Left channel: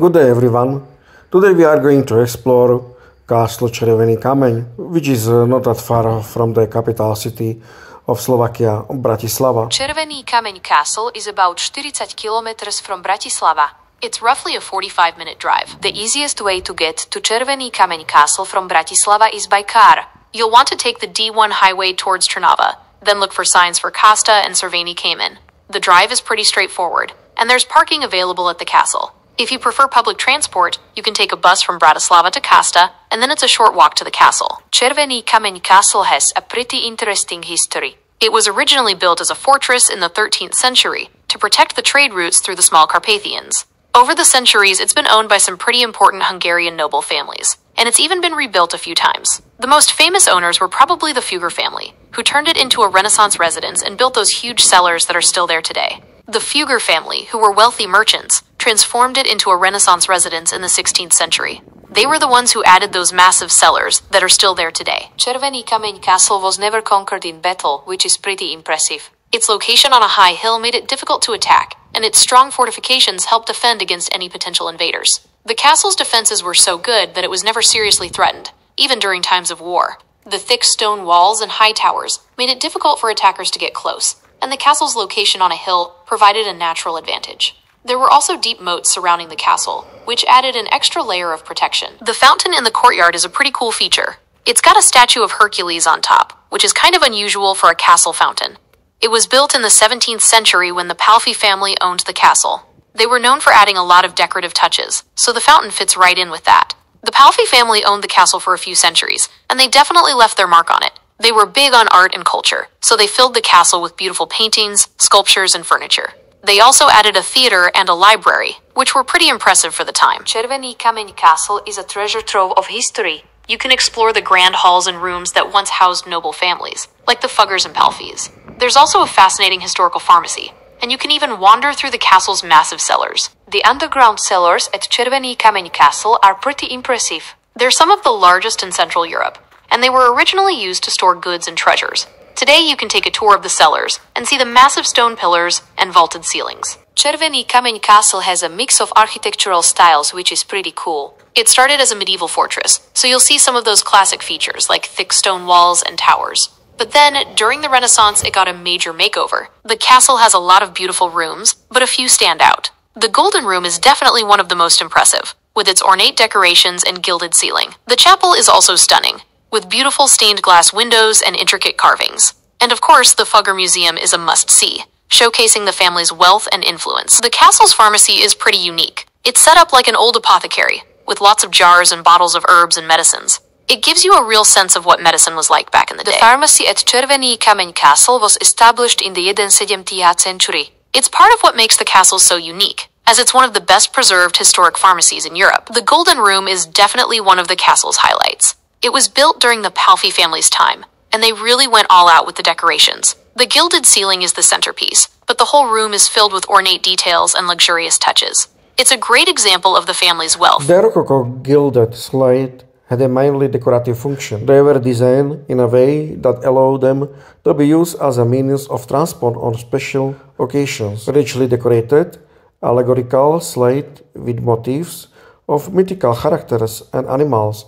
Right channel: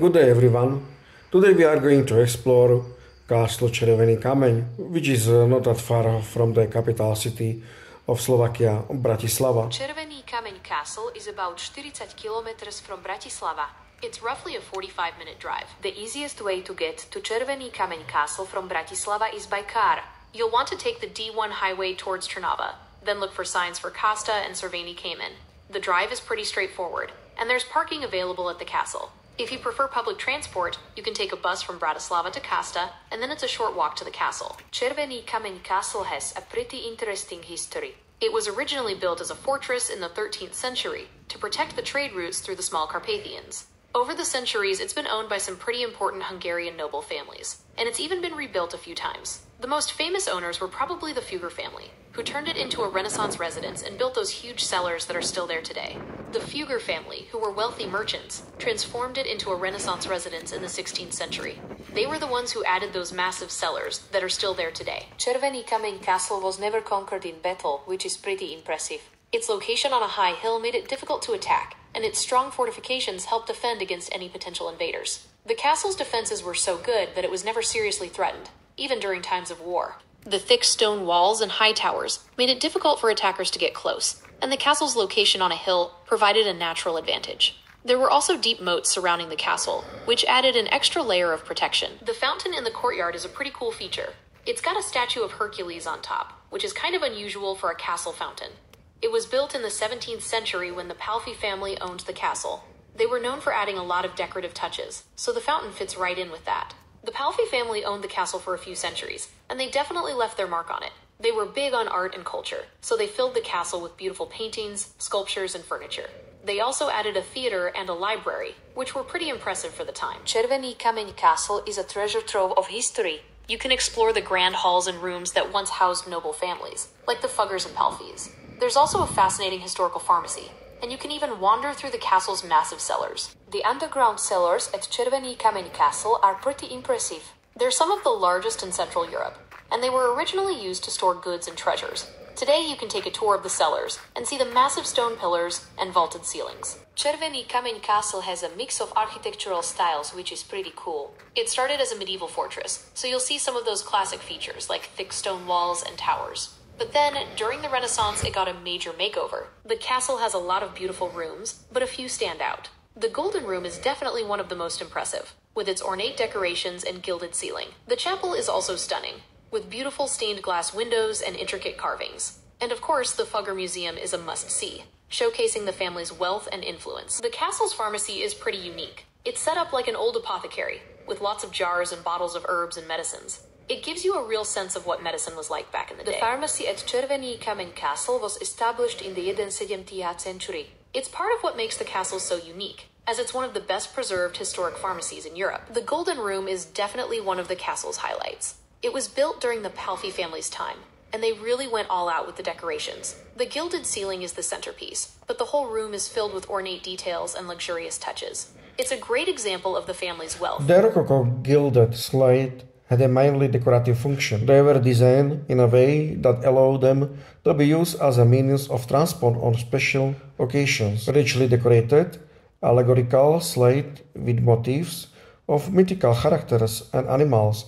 Good day everyone. Today we are going to explore Castle Červený Kameň, which is not that far from the capital city of Slovakia, Bratislava. Červený Kameň Castle is about 40 kilometers from Bratislava. It's roughly a 45-minute drive. The easiest way to get to Červený Kameň Castle from Bratislava is by car. You'll want to take the D1 highway towards Trnava, then look for signs for Kasta and Červený Kameň. The drive is pretty straightforward, and there's parking available at the castle. If you prefer public transport, you can take a bus from Bratislava to Kasta, and then it's a short walk to the castle. Červený Kameň Castle has a pretty interesting history. It was originally built as a fortress in the 13th century to protect the trade routes through the small Carpathians. Over the centuries, it's been owned by some pretty important Hungarian noble families, and it's even been rebuilt a few times. The most famous owners were probably the Fugger family, who turned it into a Renaissance residence and built those huge cellars that are still there today. The Fugger family, who were wealthy merchants, transformed it into a Renaissance residence in the 16th century. They were the ones who added those massive cellars that are still there today. Červený Kameň Castle was never conquered in battle, which is pretty impressive. Its location on a high hill made it difficult to attack, and its strong fortifications helped defend against any potential invaders. The castle's defenses were so good that it was never seriously threatened, even during times of war. The thick stone walls and high towers made it difficult for attackers to get close, and the castle's location on a hill provided a natural advantage. There were also deep moats surrounding the castle, which added an extra layer of protection. The fountain in the courtyard is a pretty cool feature. It's got a statue of Hercules on top, which is kind of unusual for a castle fountain. It was built in the 17th century when the Palffy family owned the castle. They were known for adding a lot of decorative touches, so the fountain fits right in with that. The Palffy family owned the castle for a few centuries, and they definitely left their mark on it. They were big on art and culture, so they filled the castle with beautiful paintings, sculptures, and furniture. They also added a theater and a library, which were pretty impressive for the time. Červený Kameň Castle is a treasure trove of history. You can explore the grand halls and rooms that once housed noble families, like the Fuggers and Palffys. There's also a fascinating historical pharmacy, and you can even wander through the castle's massive cellars. The underground cellars at Červený Kameň Castle are pretty impressive. They're some of the largest in Central Europe, and they were originally used to store goods and treasures. Today you can take a tour of the cellars and see the massive stone pillars and vaulted ceilings. Červený Kameň Castle has a mix of architectural styles, which is pretty cool. It started as a medieval fortress, so you'll see some of those classic features like thick stone walls and towers. But then, during the Renaissance, it got a major makeover. The castle has a lot of beautiful rooms, but a few stand out. The Golden Room is definitely one of the most impressive, with its ornate decorations and gilded ceiling. The chapel is also stunning, with beautiful stained glass windows and intricate carvings. And of course, the Fugger Museum is a must-see, showcasing the family's wealth and influence. The castle's pharmacy is pretty unique. It's set up like an old apothecary, with lots of jars and bottles of herbs and medicines. It gives you a real sense of what medicine was like back in the day. The pharmacy at Červený Kameň Castle was established in the 17th century. It's part of what makes the castle so unique, as it's one of the best preserved historic pharmacies in Europe. The Golden Room is definitely one of the castle's highlights. It was built during the Palffy family's time, and they really went all out with the decorations. The gilded ceiling is the centerpiece, but the whole room is filled with ornate details and luxurious touches. It's a great example of the family's wealth. The Rococo gilded slate had a mainly decorative function. They were designed in a way that allowed them to be used as a means of transport on special occasions. Richly decorated, allegorical slate with motifs of mythical characters and animals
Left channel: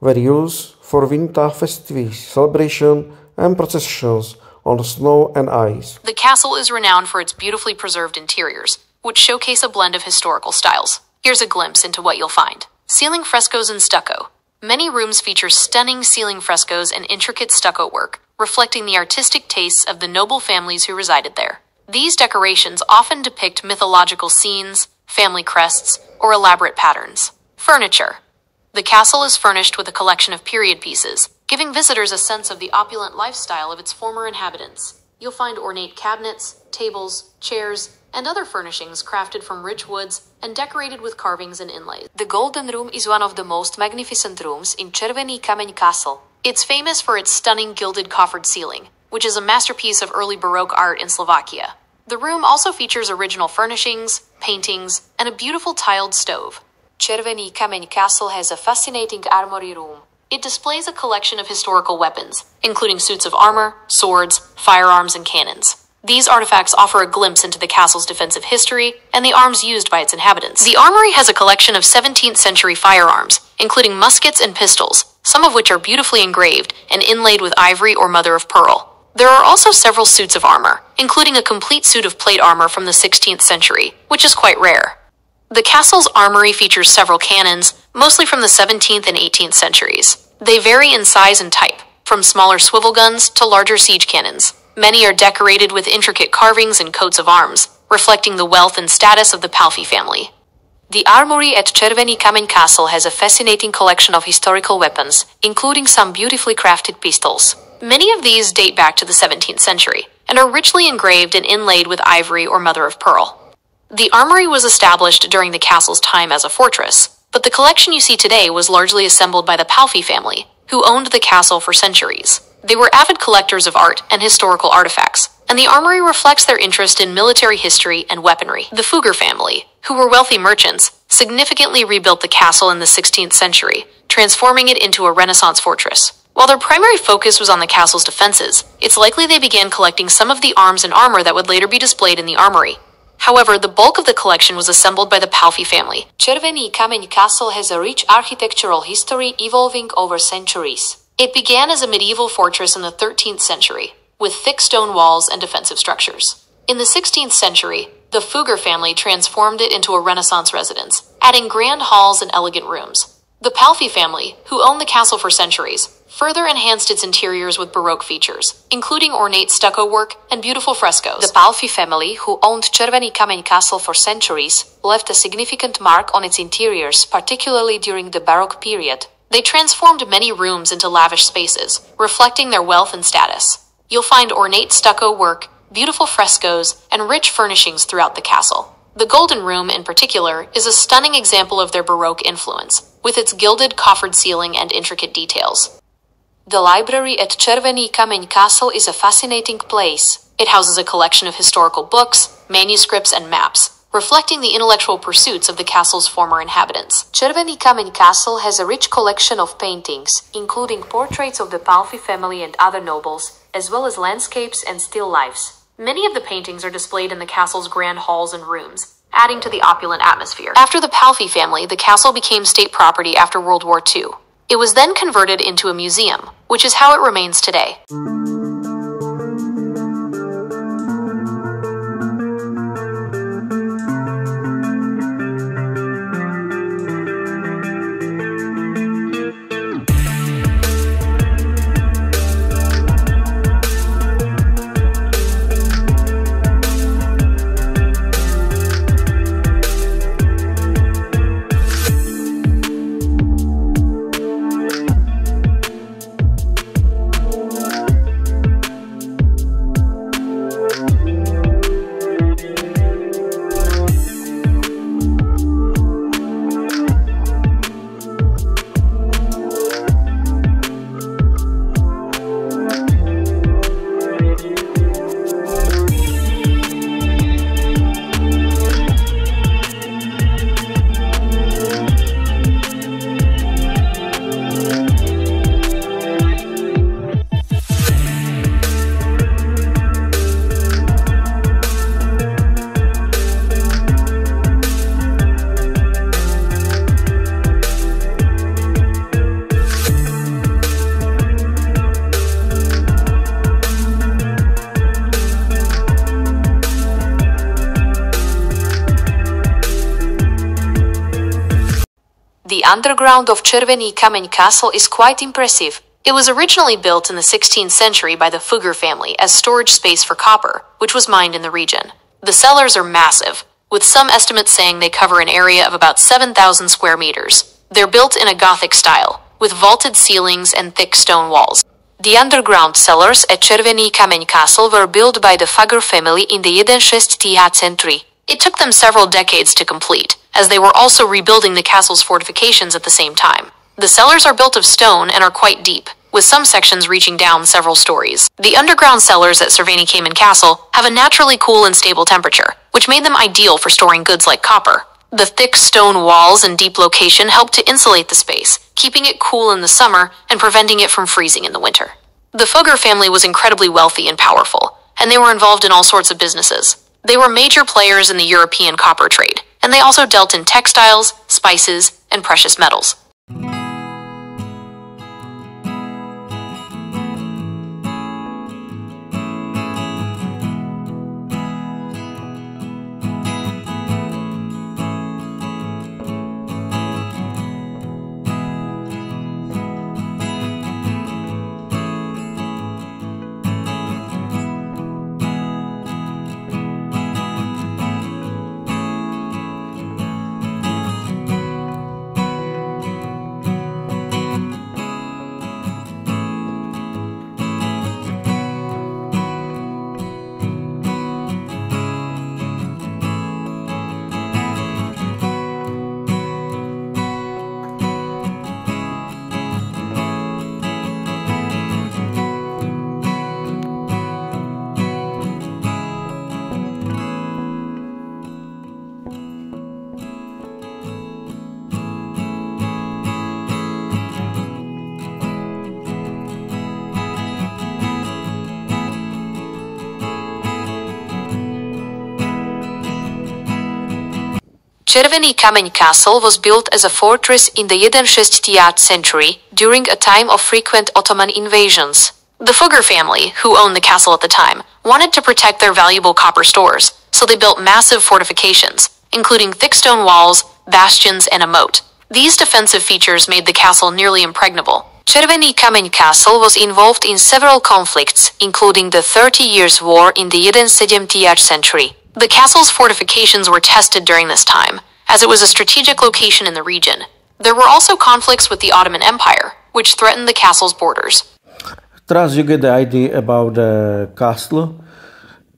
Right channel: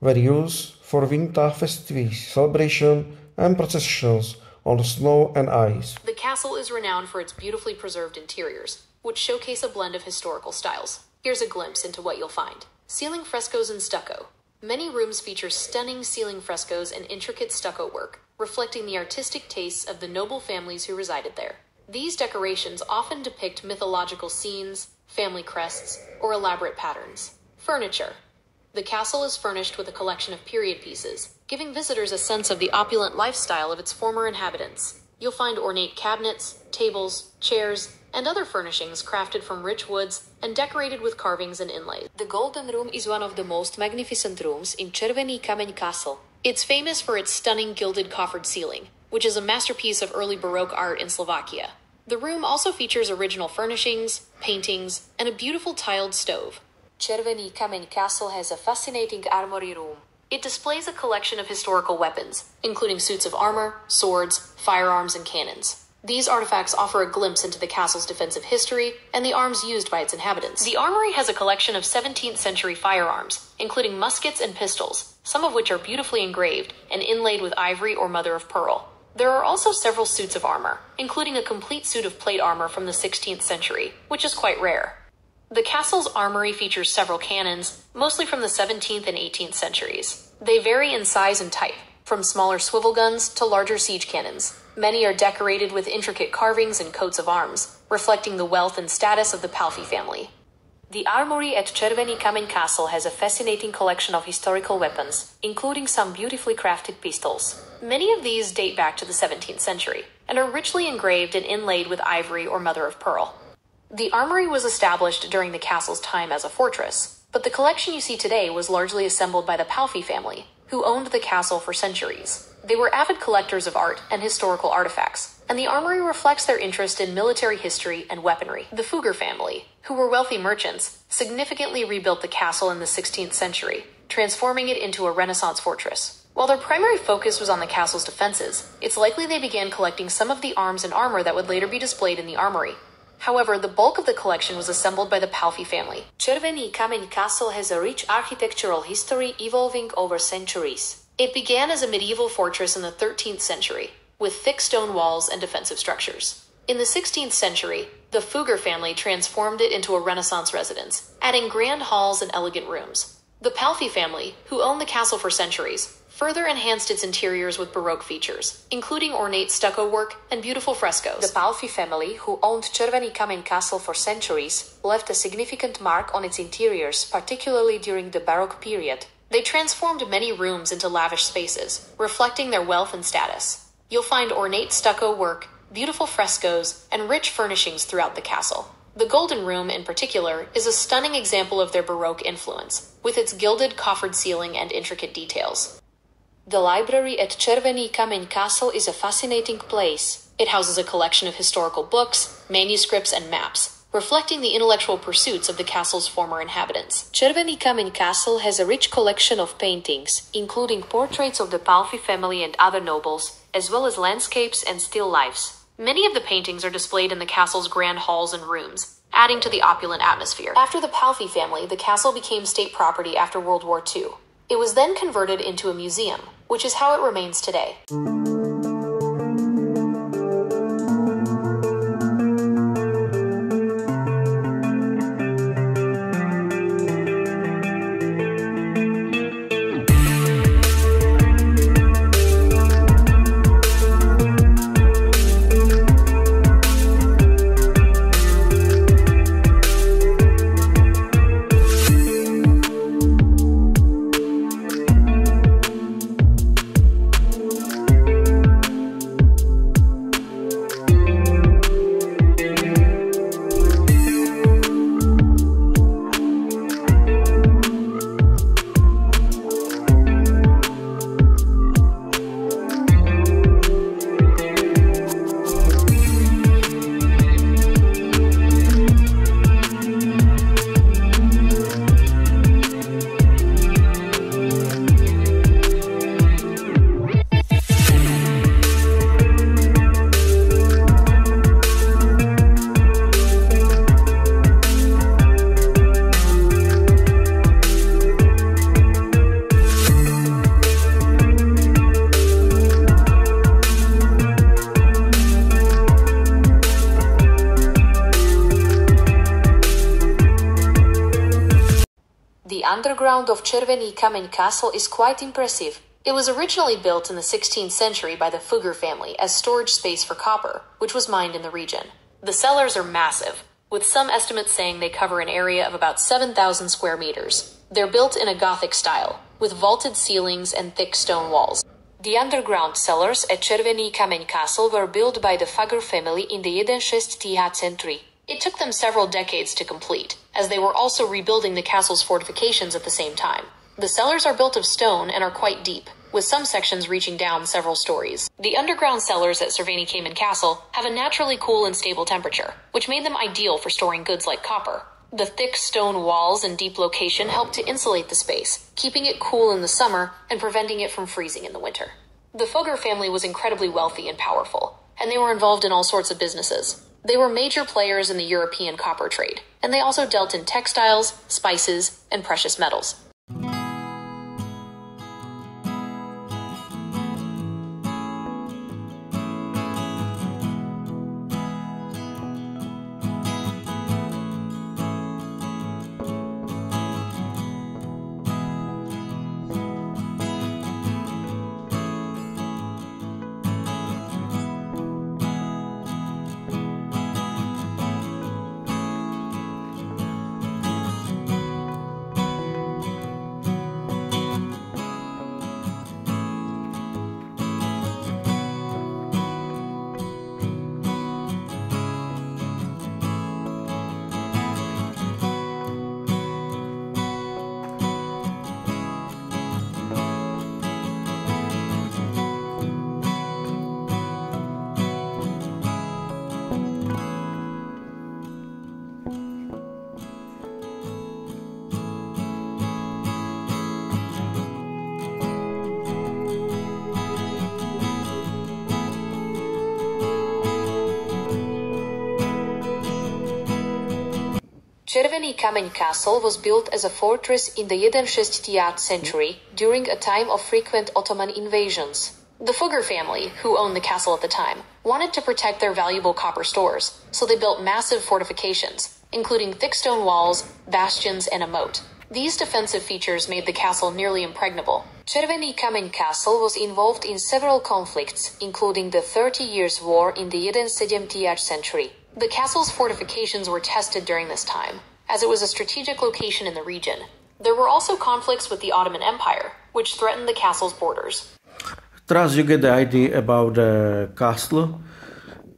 were used for winter festivities, celebration, and processions on snow and ice. The castle is renowned for its beautifully preserved interiors, which showcase a blend of historical styles. Here's a glimpse into what you'll find. Ceiling frescoes and stucco. Many rooms feature stunning ceiling frescoes and intricate stucco work, reflecting the artistic tastes of the noble families who resided there. These decorations often depict mythological scenes, family crests, or elaborate patterns. Furniture. The castle is furnished with a collection of period pieces, giving visitors a sense of the opulent lifestyle of its former inhabitants. You'll find ornate cabinets, tables, chairs, and other furnishings crafted from rich woods and decorated with carvings and inlays. The Golden Room is one of the most magnificent rooms in Červený Kameň Castle. It's famous for its stunning gilded coffered ceiling, which is a masterpiece of early Baroque art in Slovakia. The room also features original furnishings, paintings, and a beautiful tiled stove. Červený Kameň Castle has a fascinating armory room. It displays a collection of historical weapons, including suits of armor, swords, firearms, and cannons. These artifacts offer a glimpse into the castle's defensive history and the arms used by its inhabitants. The armory has a collection of 17th century firearms, including muskets and pistols, some of which are beautifully engraved and inlaid with ivory or mother of pearl. There are also several suits of armor, including a complete suit of plate armor from the 16th century, which is quite rare. The castle's armory features several cannons, mostly from the 17th and 18th centuries. They vary in size and type, from smaller swivel guns to larger siege cannons. Many are decorated with intricate carvings and coats of arms, reflecting the wealth and status of the Palffy family. The armory at Červený Kameň Castle has a fascinating collection of historical weapons, including some beautifully crafted pistols. Many of these date back to the 17th century, and are richly engraved and inlaid with ivory or mother of pearl. The armory was established during the castle's time as a fortress, but the collection you see today was largely assembled by the Palffy family, who owned the castle for centuries. They were avid collectors of art and historical artifacts, and the armory reflects their interest in military history and weaponry. The Fugger family, who were wealthy merchants, significantly rebuilt the castle in the 16th century, transforming it into a Renaissance fortress. While their primary focus was on the castle's defenses, it's likely they began collecting some of the arms and armor that would later be displayed in the armory. However, the bulk of the collection was assembled by the Palffy family. Červený Kameň Castle has a rich architectural history evolving over centuries. It began as a medieval fortress in the 13th century, with thick stone walls and defensive structures. In the 16th century, the Fugger family transformed it into a Renaissance residence, adding grand halls and elegant rooms. The Palffy family, who owned the castle for centuries, further enhanced its interiors with Baroque features, including ornate stucco work and beautiful frescoes. The Palffy family, who owned Červený Kameň Castle for centuries, left a significant mark on its interiors, particularly during the Baroque period. They transformed many rooms into lavish spaces, reflecting their wealth and status. You'll find ornate stucco work, beautiful frescoes, and rich furnishings throughout the castle. The Golden Room, in particular, is a stunning example of their Baroque influence, with its gilded coffered ceiling and intricate details. The library at Červený Kameň Castle is a fascinating place. It houses a collection of historical books, manuscripts, and maps, reflecting the intellectual pursuits of the castle's former inhabitants. Červený Kameň Castle has a rich collection of paintings, including portraits of the Palffy family and other nobles, as well as landscapes and still lifes. Many of the paintings are displayed in the castle's grand halls and rooms, adding to the opulent atmosphere. After the Palffy family, the castle became state property after World War II. It was then converted into a museum, which is how it remains today. The underground of Červený Kameň Castle is quite impressive. It was originally built in the 16th century by the Fugger family as storage space for copper, which was mined in the region. The cellars are massive, with some estimates saying they cover an area of about 7,000 square meters. They're built in a Gothic style, with vaulted ceilings and thick stone walls. The underground cellars at Červený Kameň Castle were built by the Fugger family in the 11th century. It took them several decades to complete, as they were also rebuilding the castle's fortifications at the same time. The cellars are built of stone and are quite deep, with some sections reaching down several stories. The underground cellars at Červený Kameň Castle have a naturally cool and stable temperature, which made them ideal for storing goods like copper. The thick stone walls and deep location help to insulate the space, keeping it cool in the summer and preventing it from freezing in the winter. The Fugger family was incredibly wealthy and powerful, and they were involved in all sorts of businesses. They were major players in the European copper trade, and they also dealt in textiles, spices, and precious metals. Červený kameň castle was built as a fortress in the 11th century during a time of frequent Ottoman invasions. The Fugger family, who owned the castle at the time, wanted to protect their valuable copper stores, so they built massive fortifications, including thick stone walls, bastions, and a moat. These defensive features made the castle nearly impregnable. Červený kameň castle was involved in several conflicts, including the 30 Years' War in the 17th century. The castle's fortifications were tested during this time, as it was a strategic location in the region. There were also conflicts with the Ottoman Empire, which threatened the castle's borders. Thus you get the idea about the castle,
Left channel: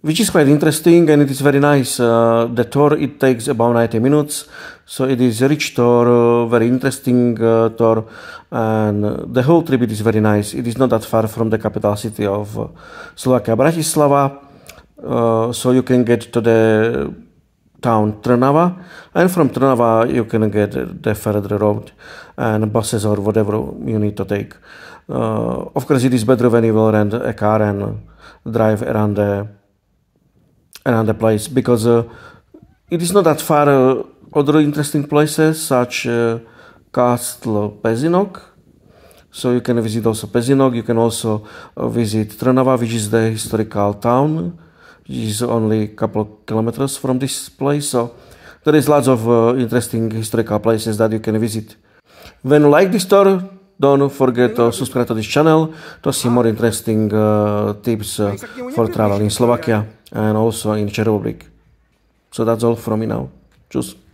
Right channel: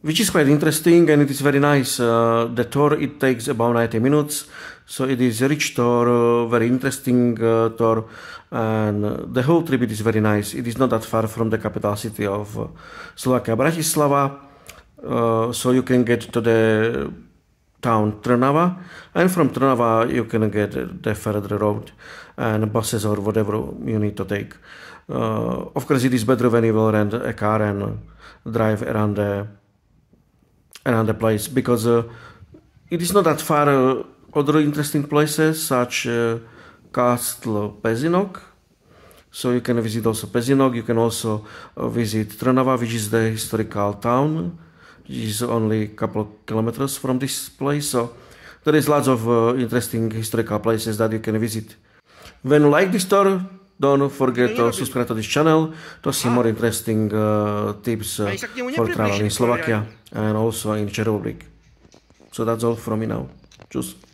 which is quite interesting and it is very nice. The tour, it takes about 90 minutes, so it is a rich tour, very interesting tour, and the whole trip it is very nice. It is not that far from the capital city of Slovakia, Bratislava. So you can get to the town Trnava, and from Trnava you can get the further road and buses or whatever you need to take. Of course, it is better when you will rent a car and drive around the place, because it is not that far. Other interesting places such Castle Pezinok. So you can visit also Pezinok. You can also visit Trnava, which is the historical town. It is only a couple of kilometers from this place, so there is lots of interesting historical places that you can visit. When you like this tour, don't forget to subscribe to this channel to see more interesting tips for travel in Slovakia and also in Czech Republic. So that's all from me now. Cheers.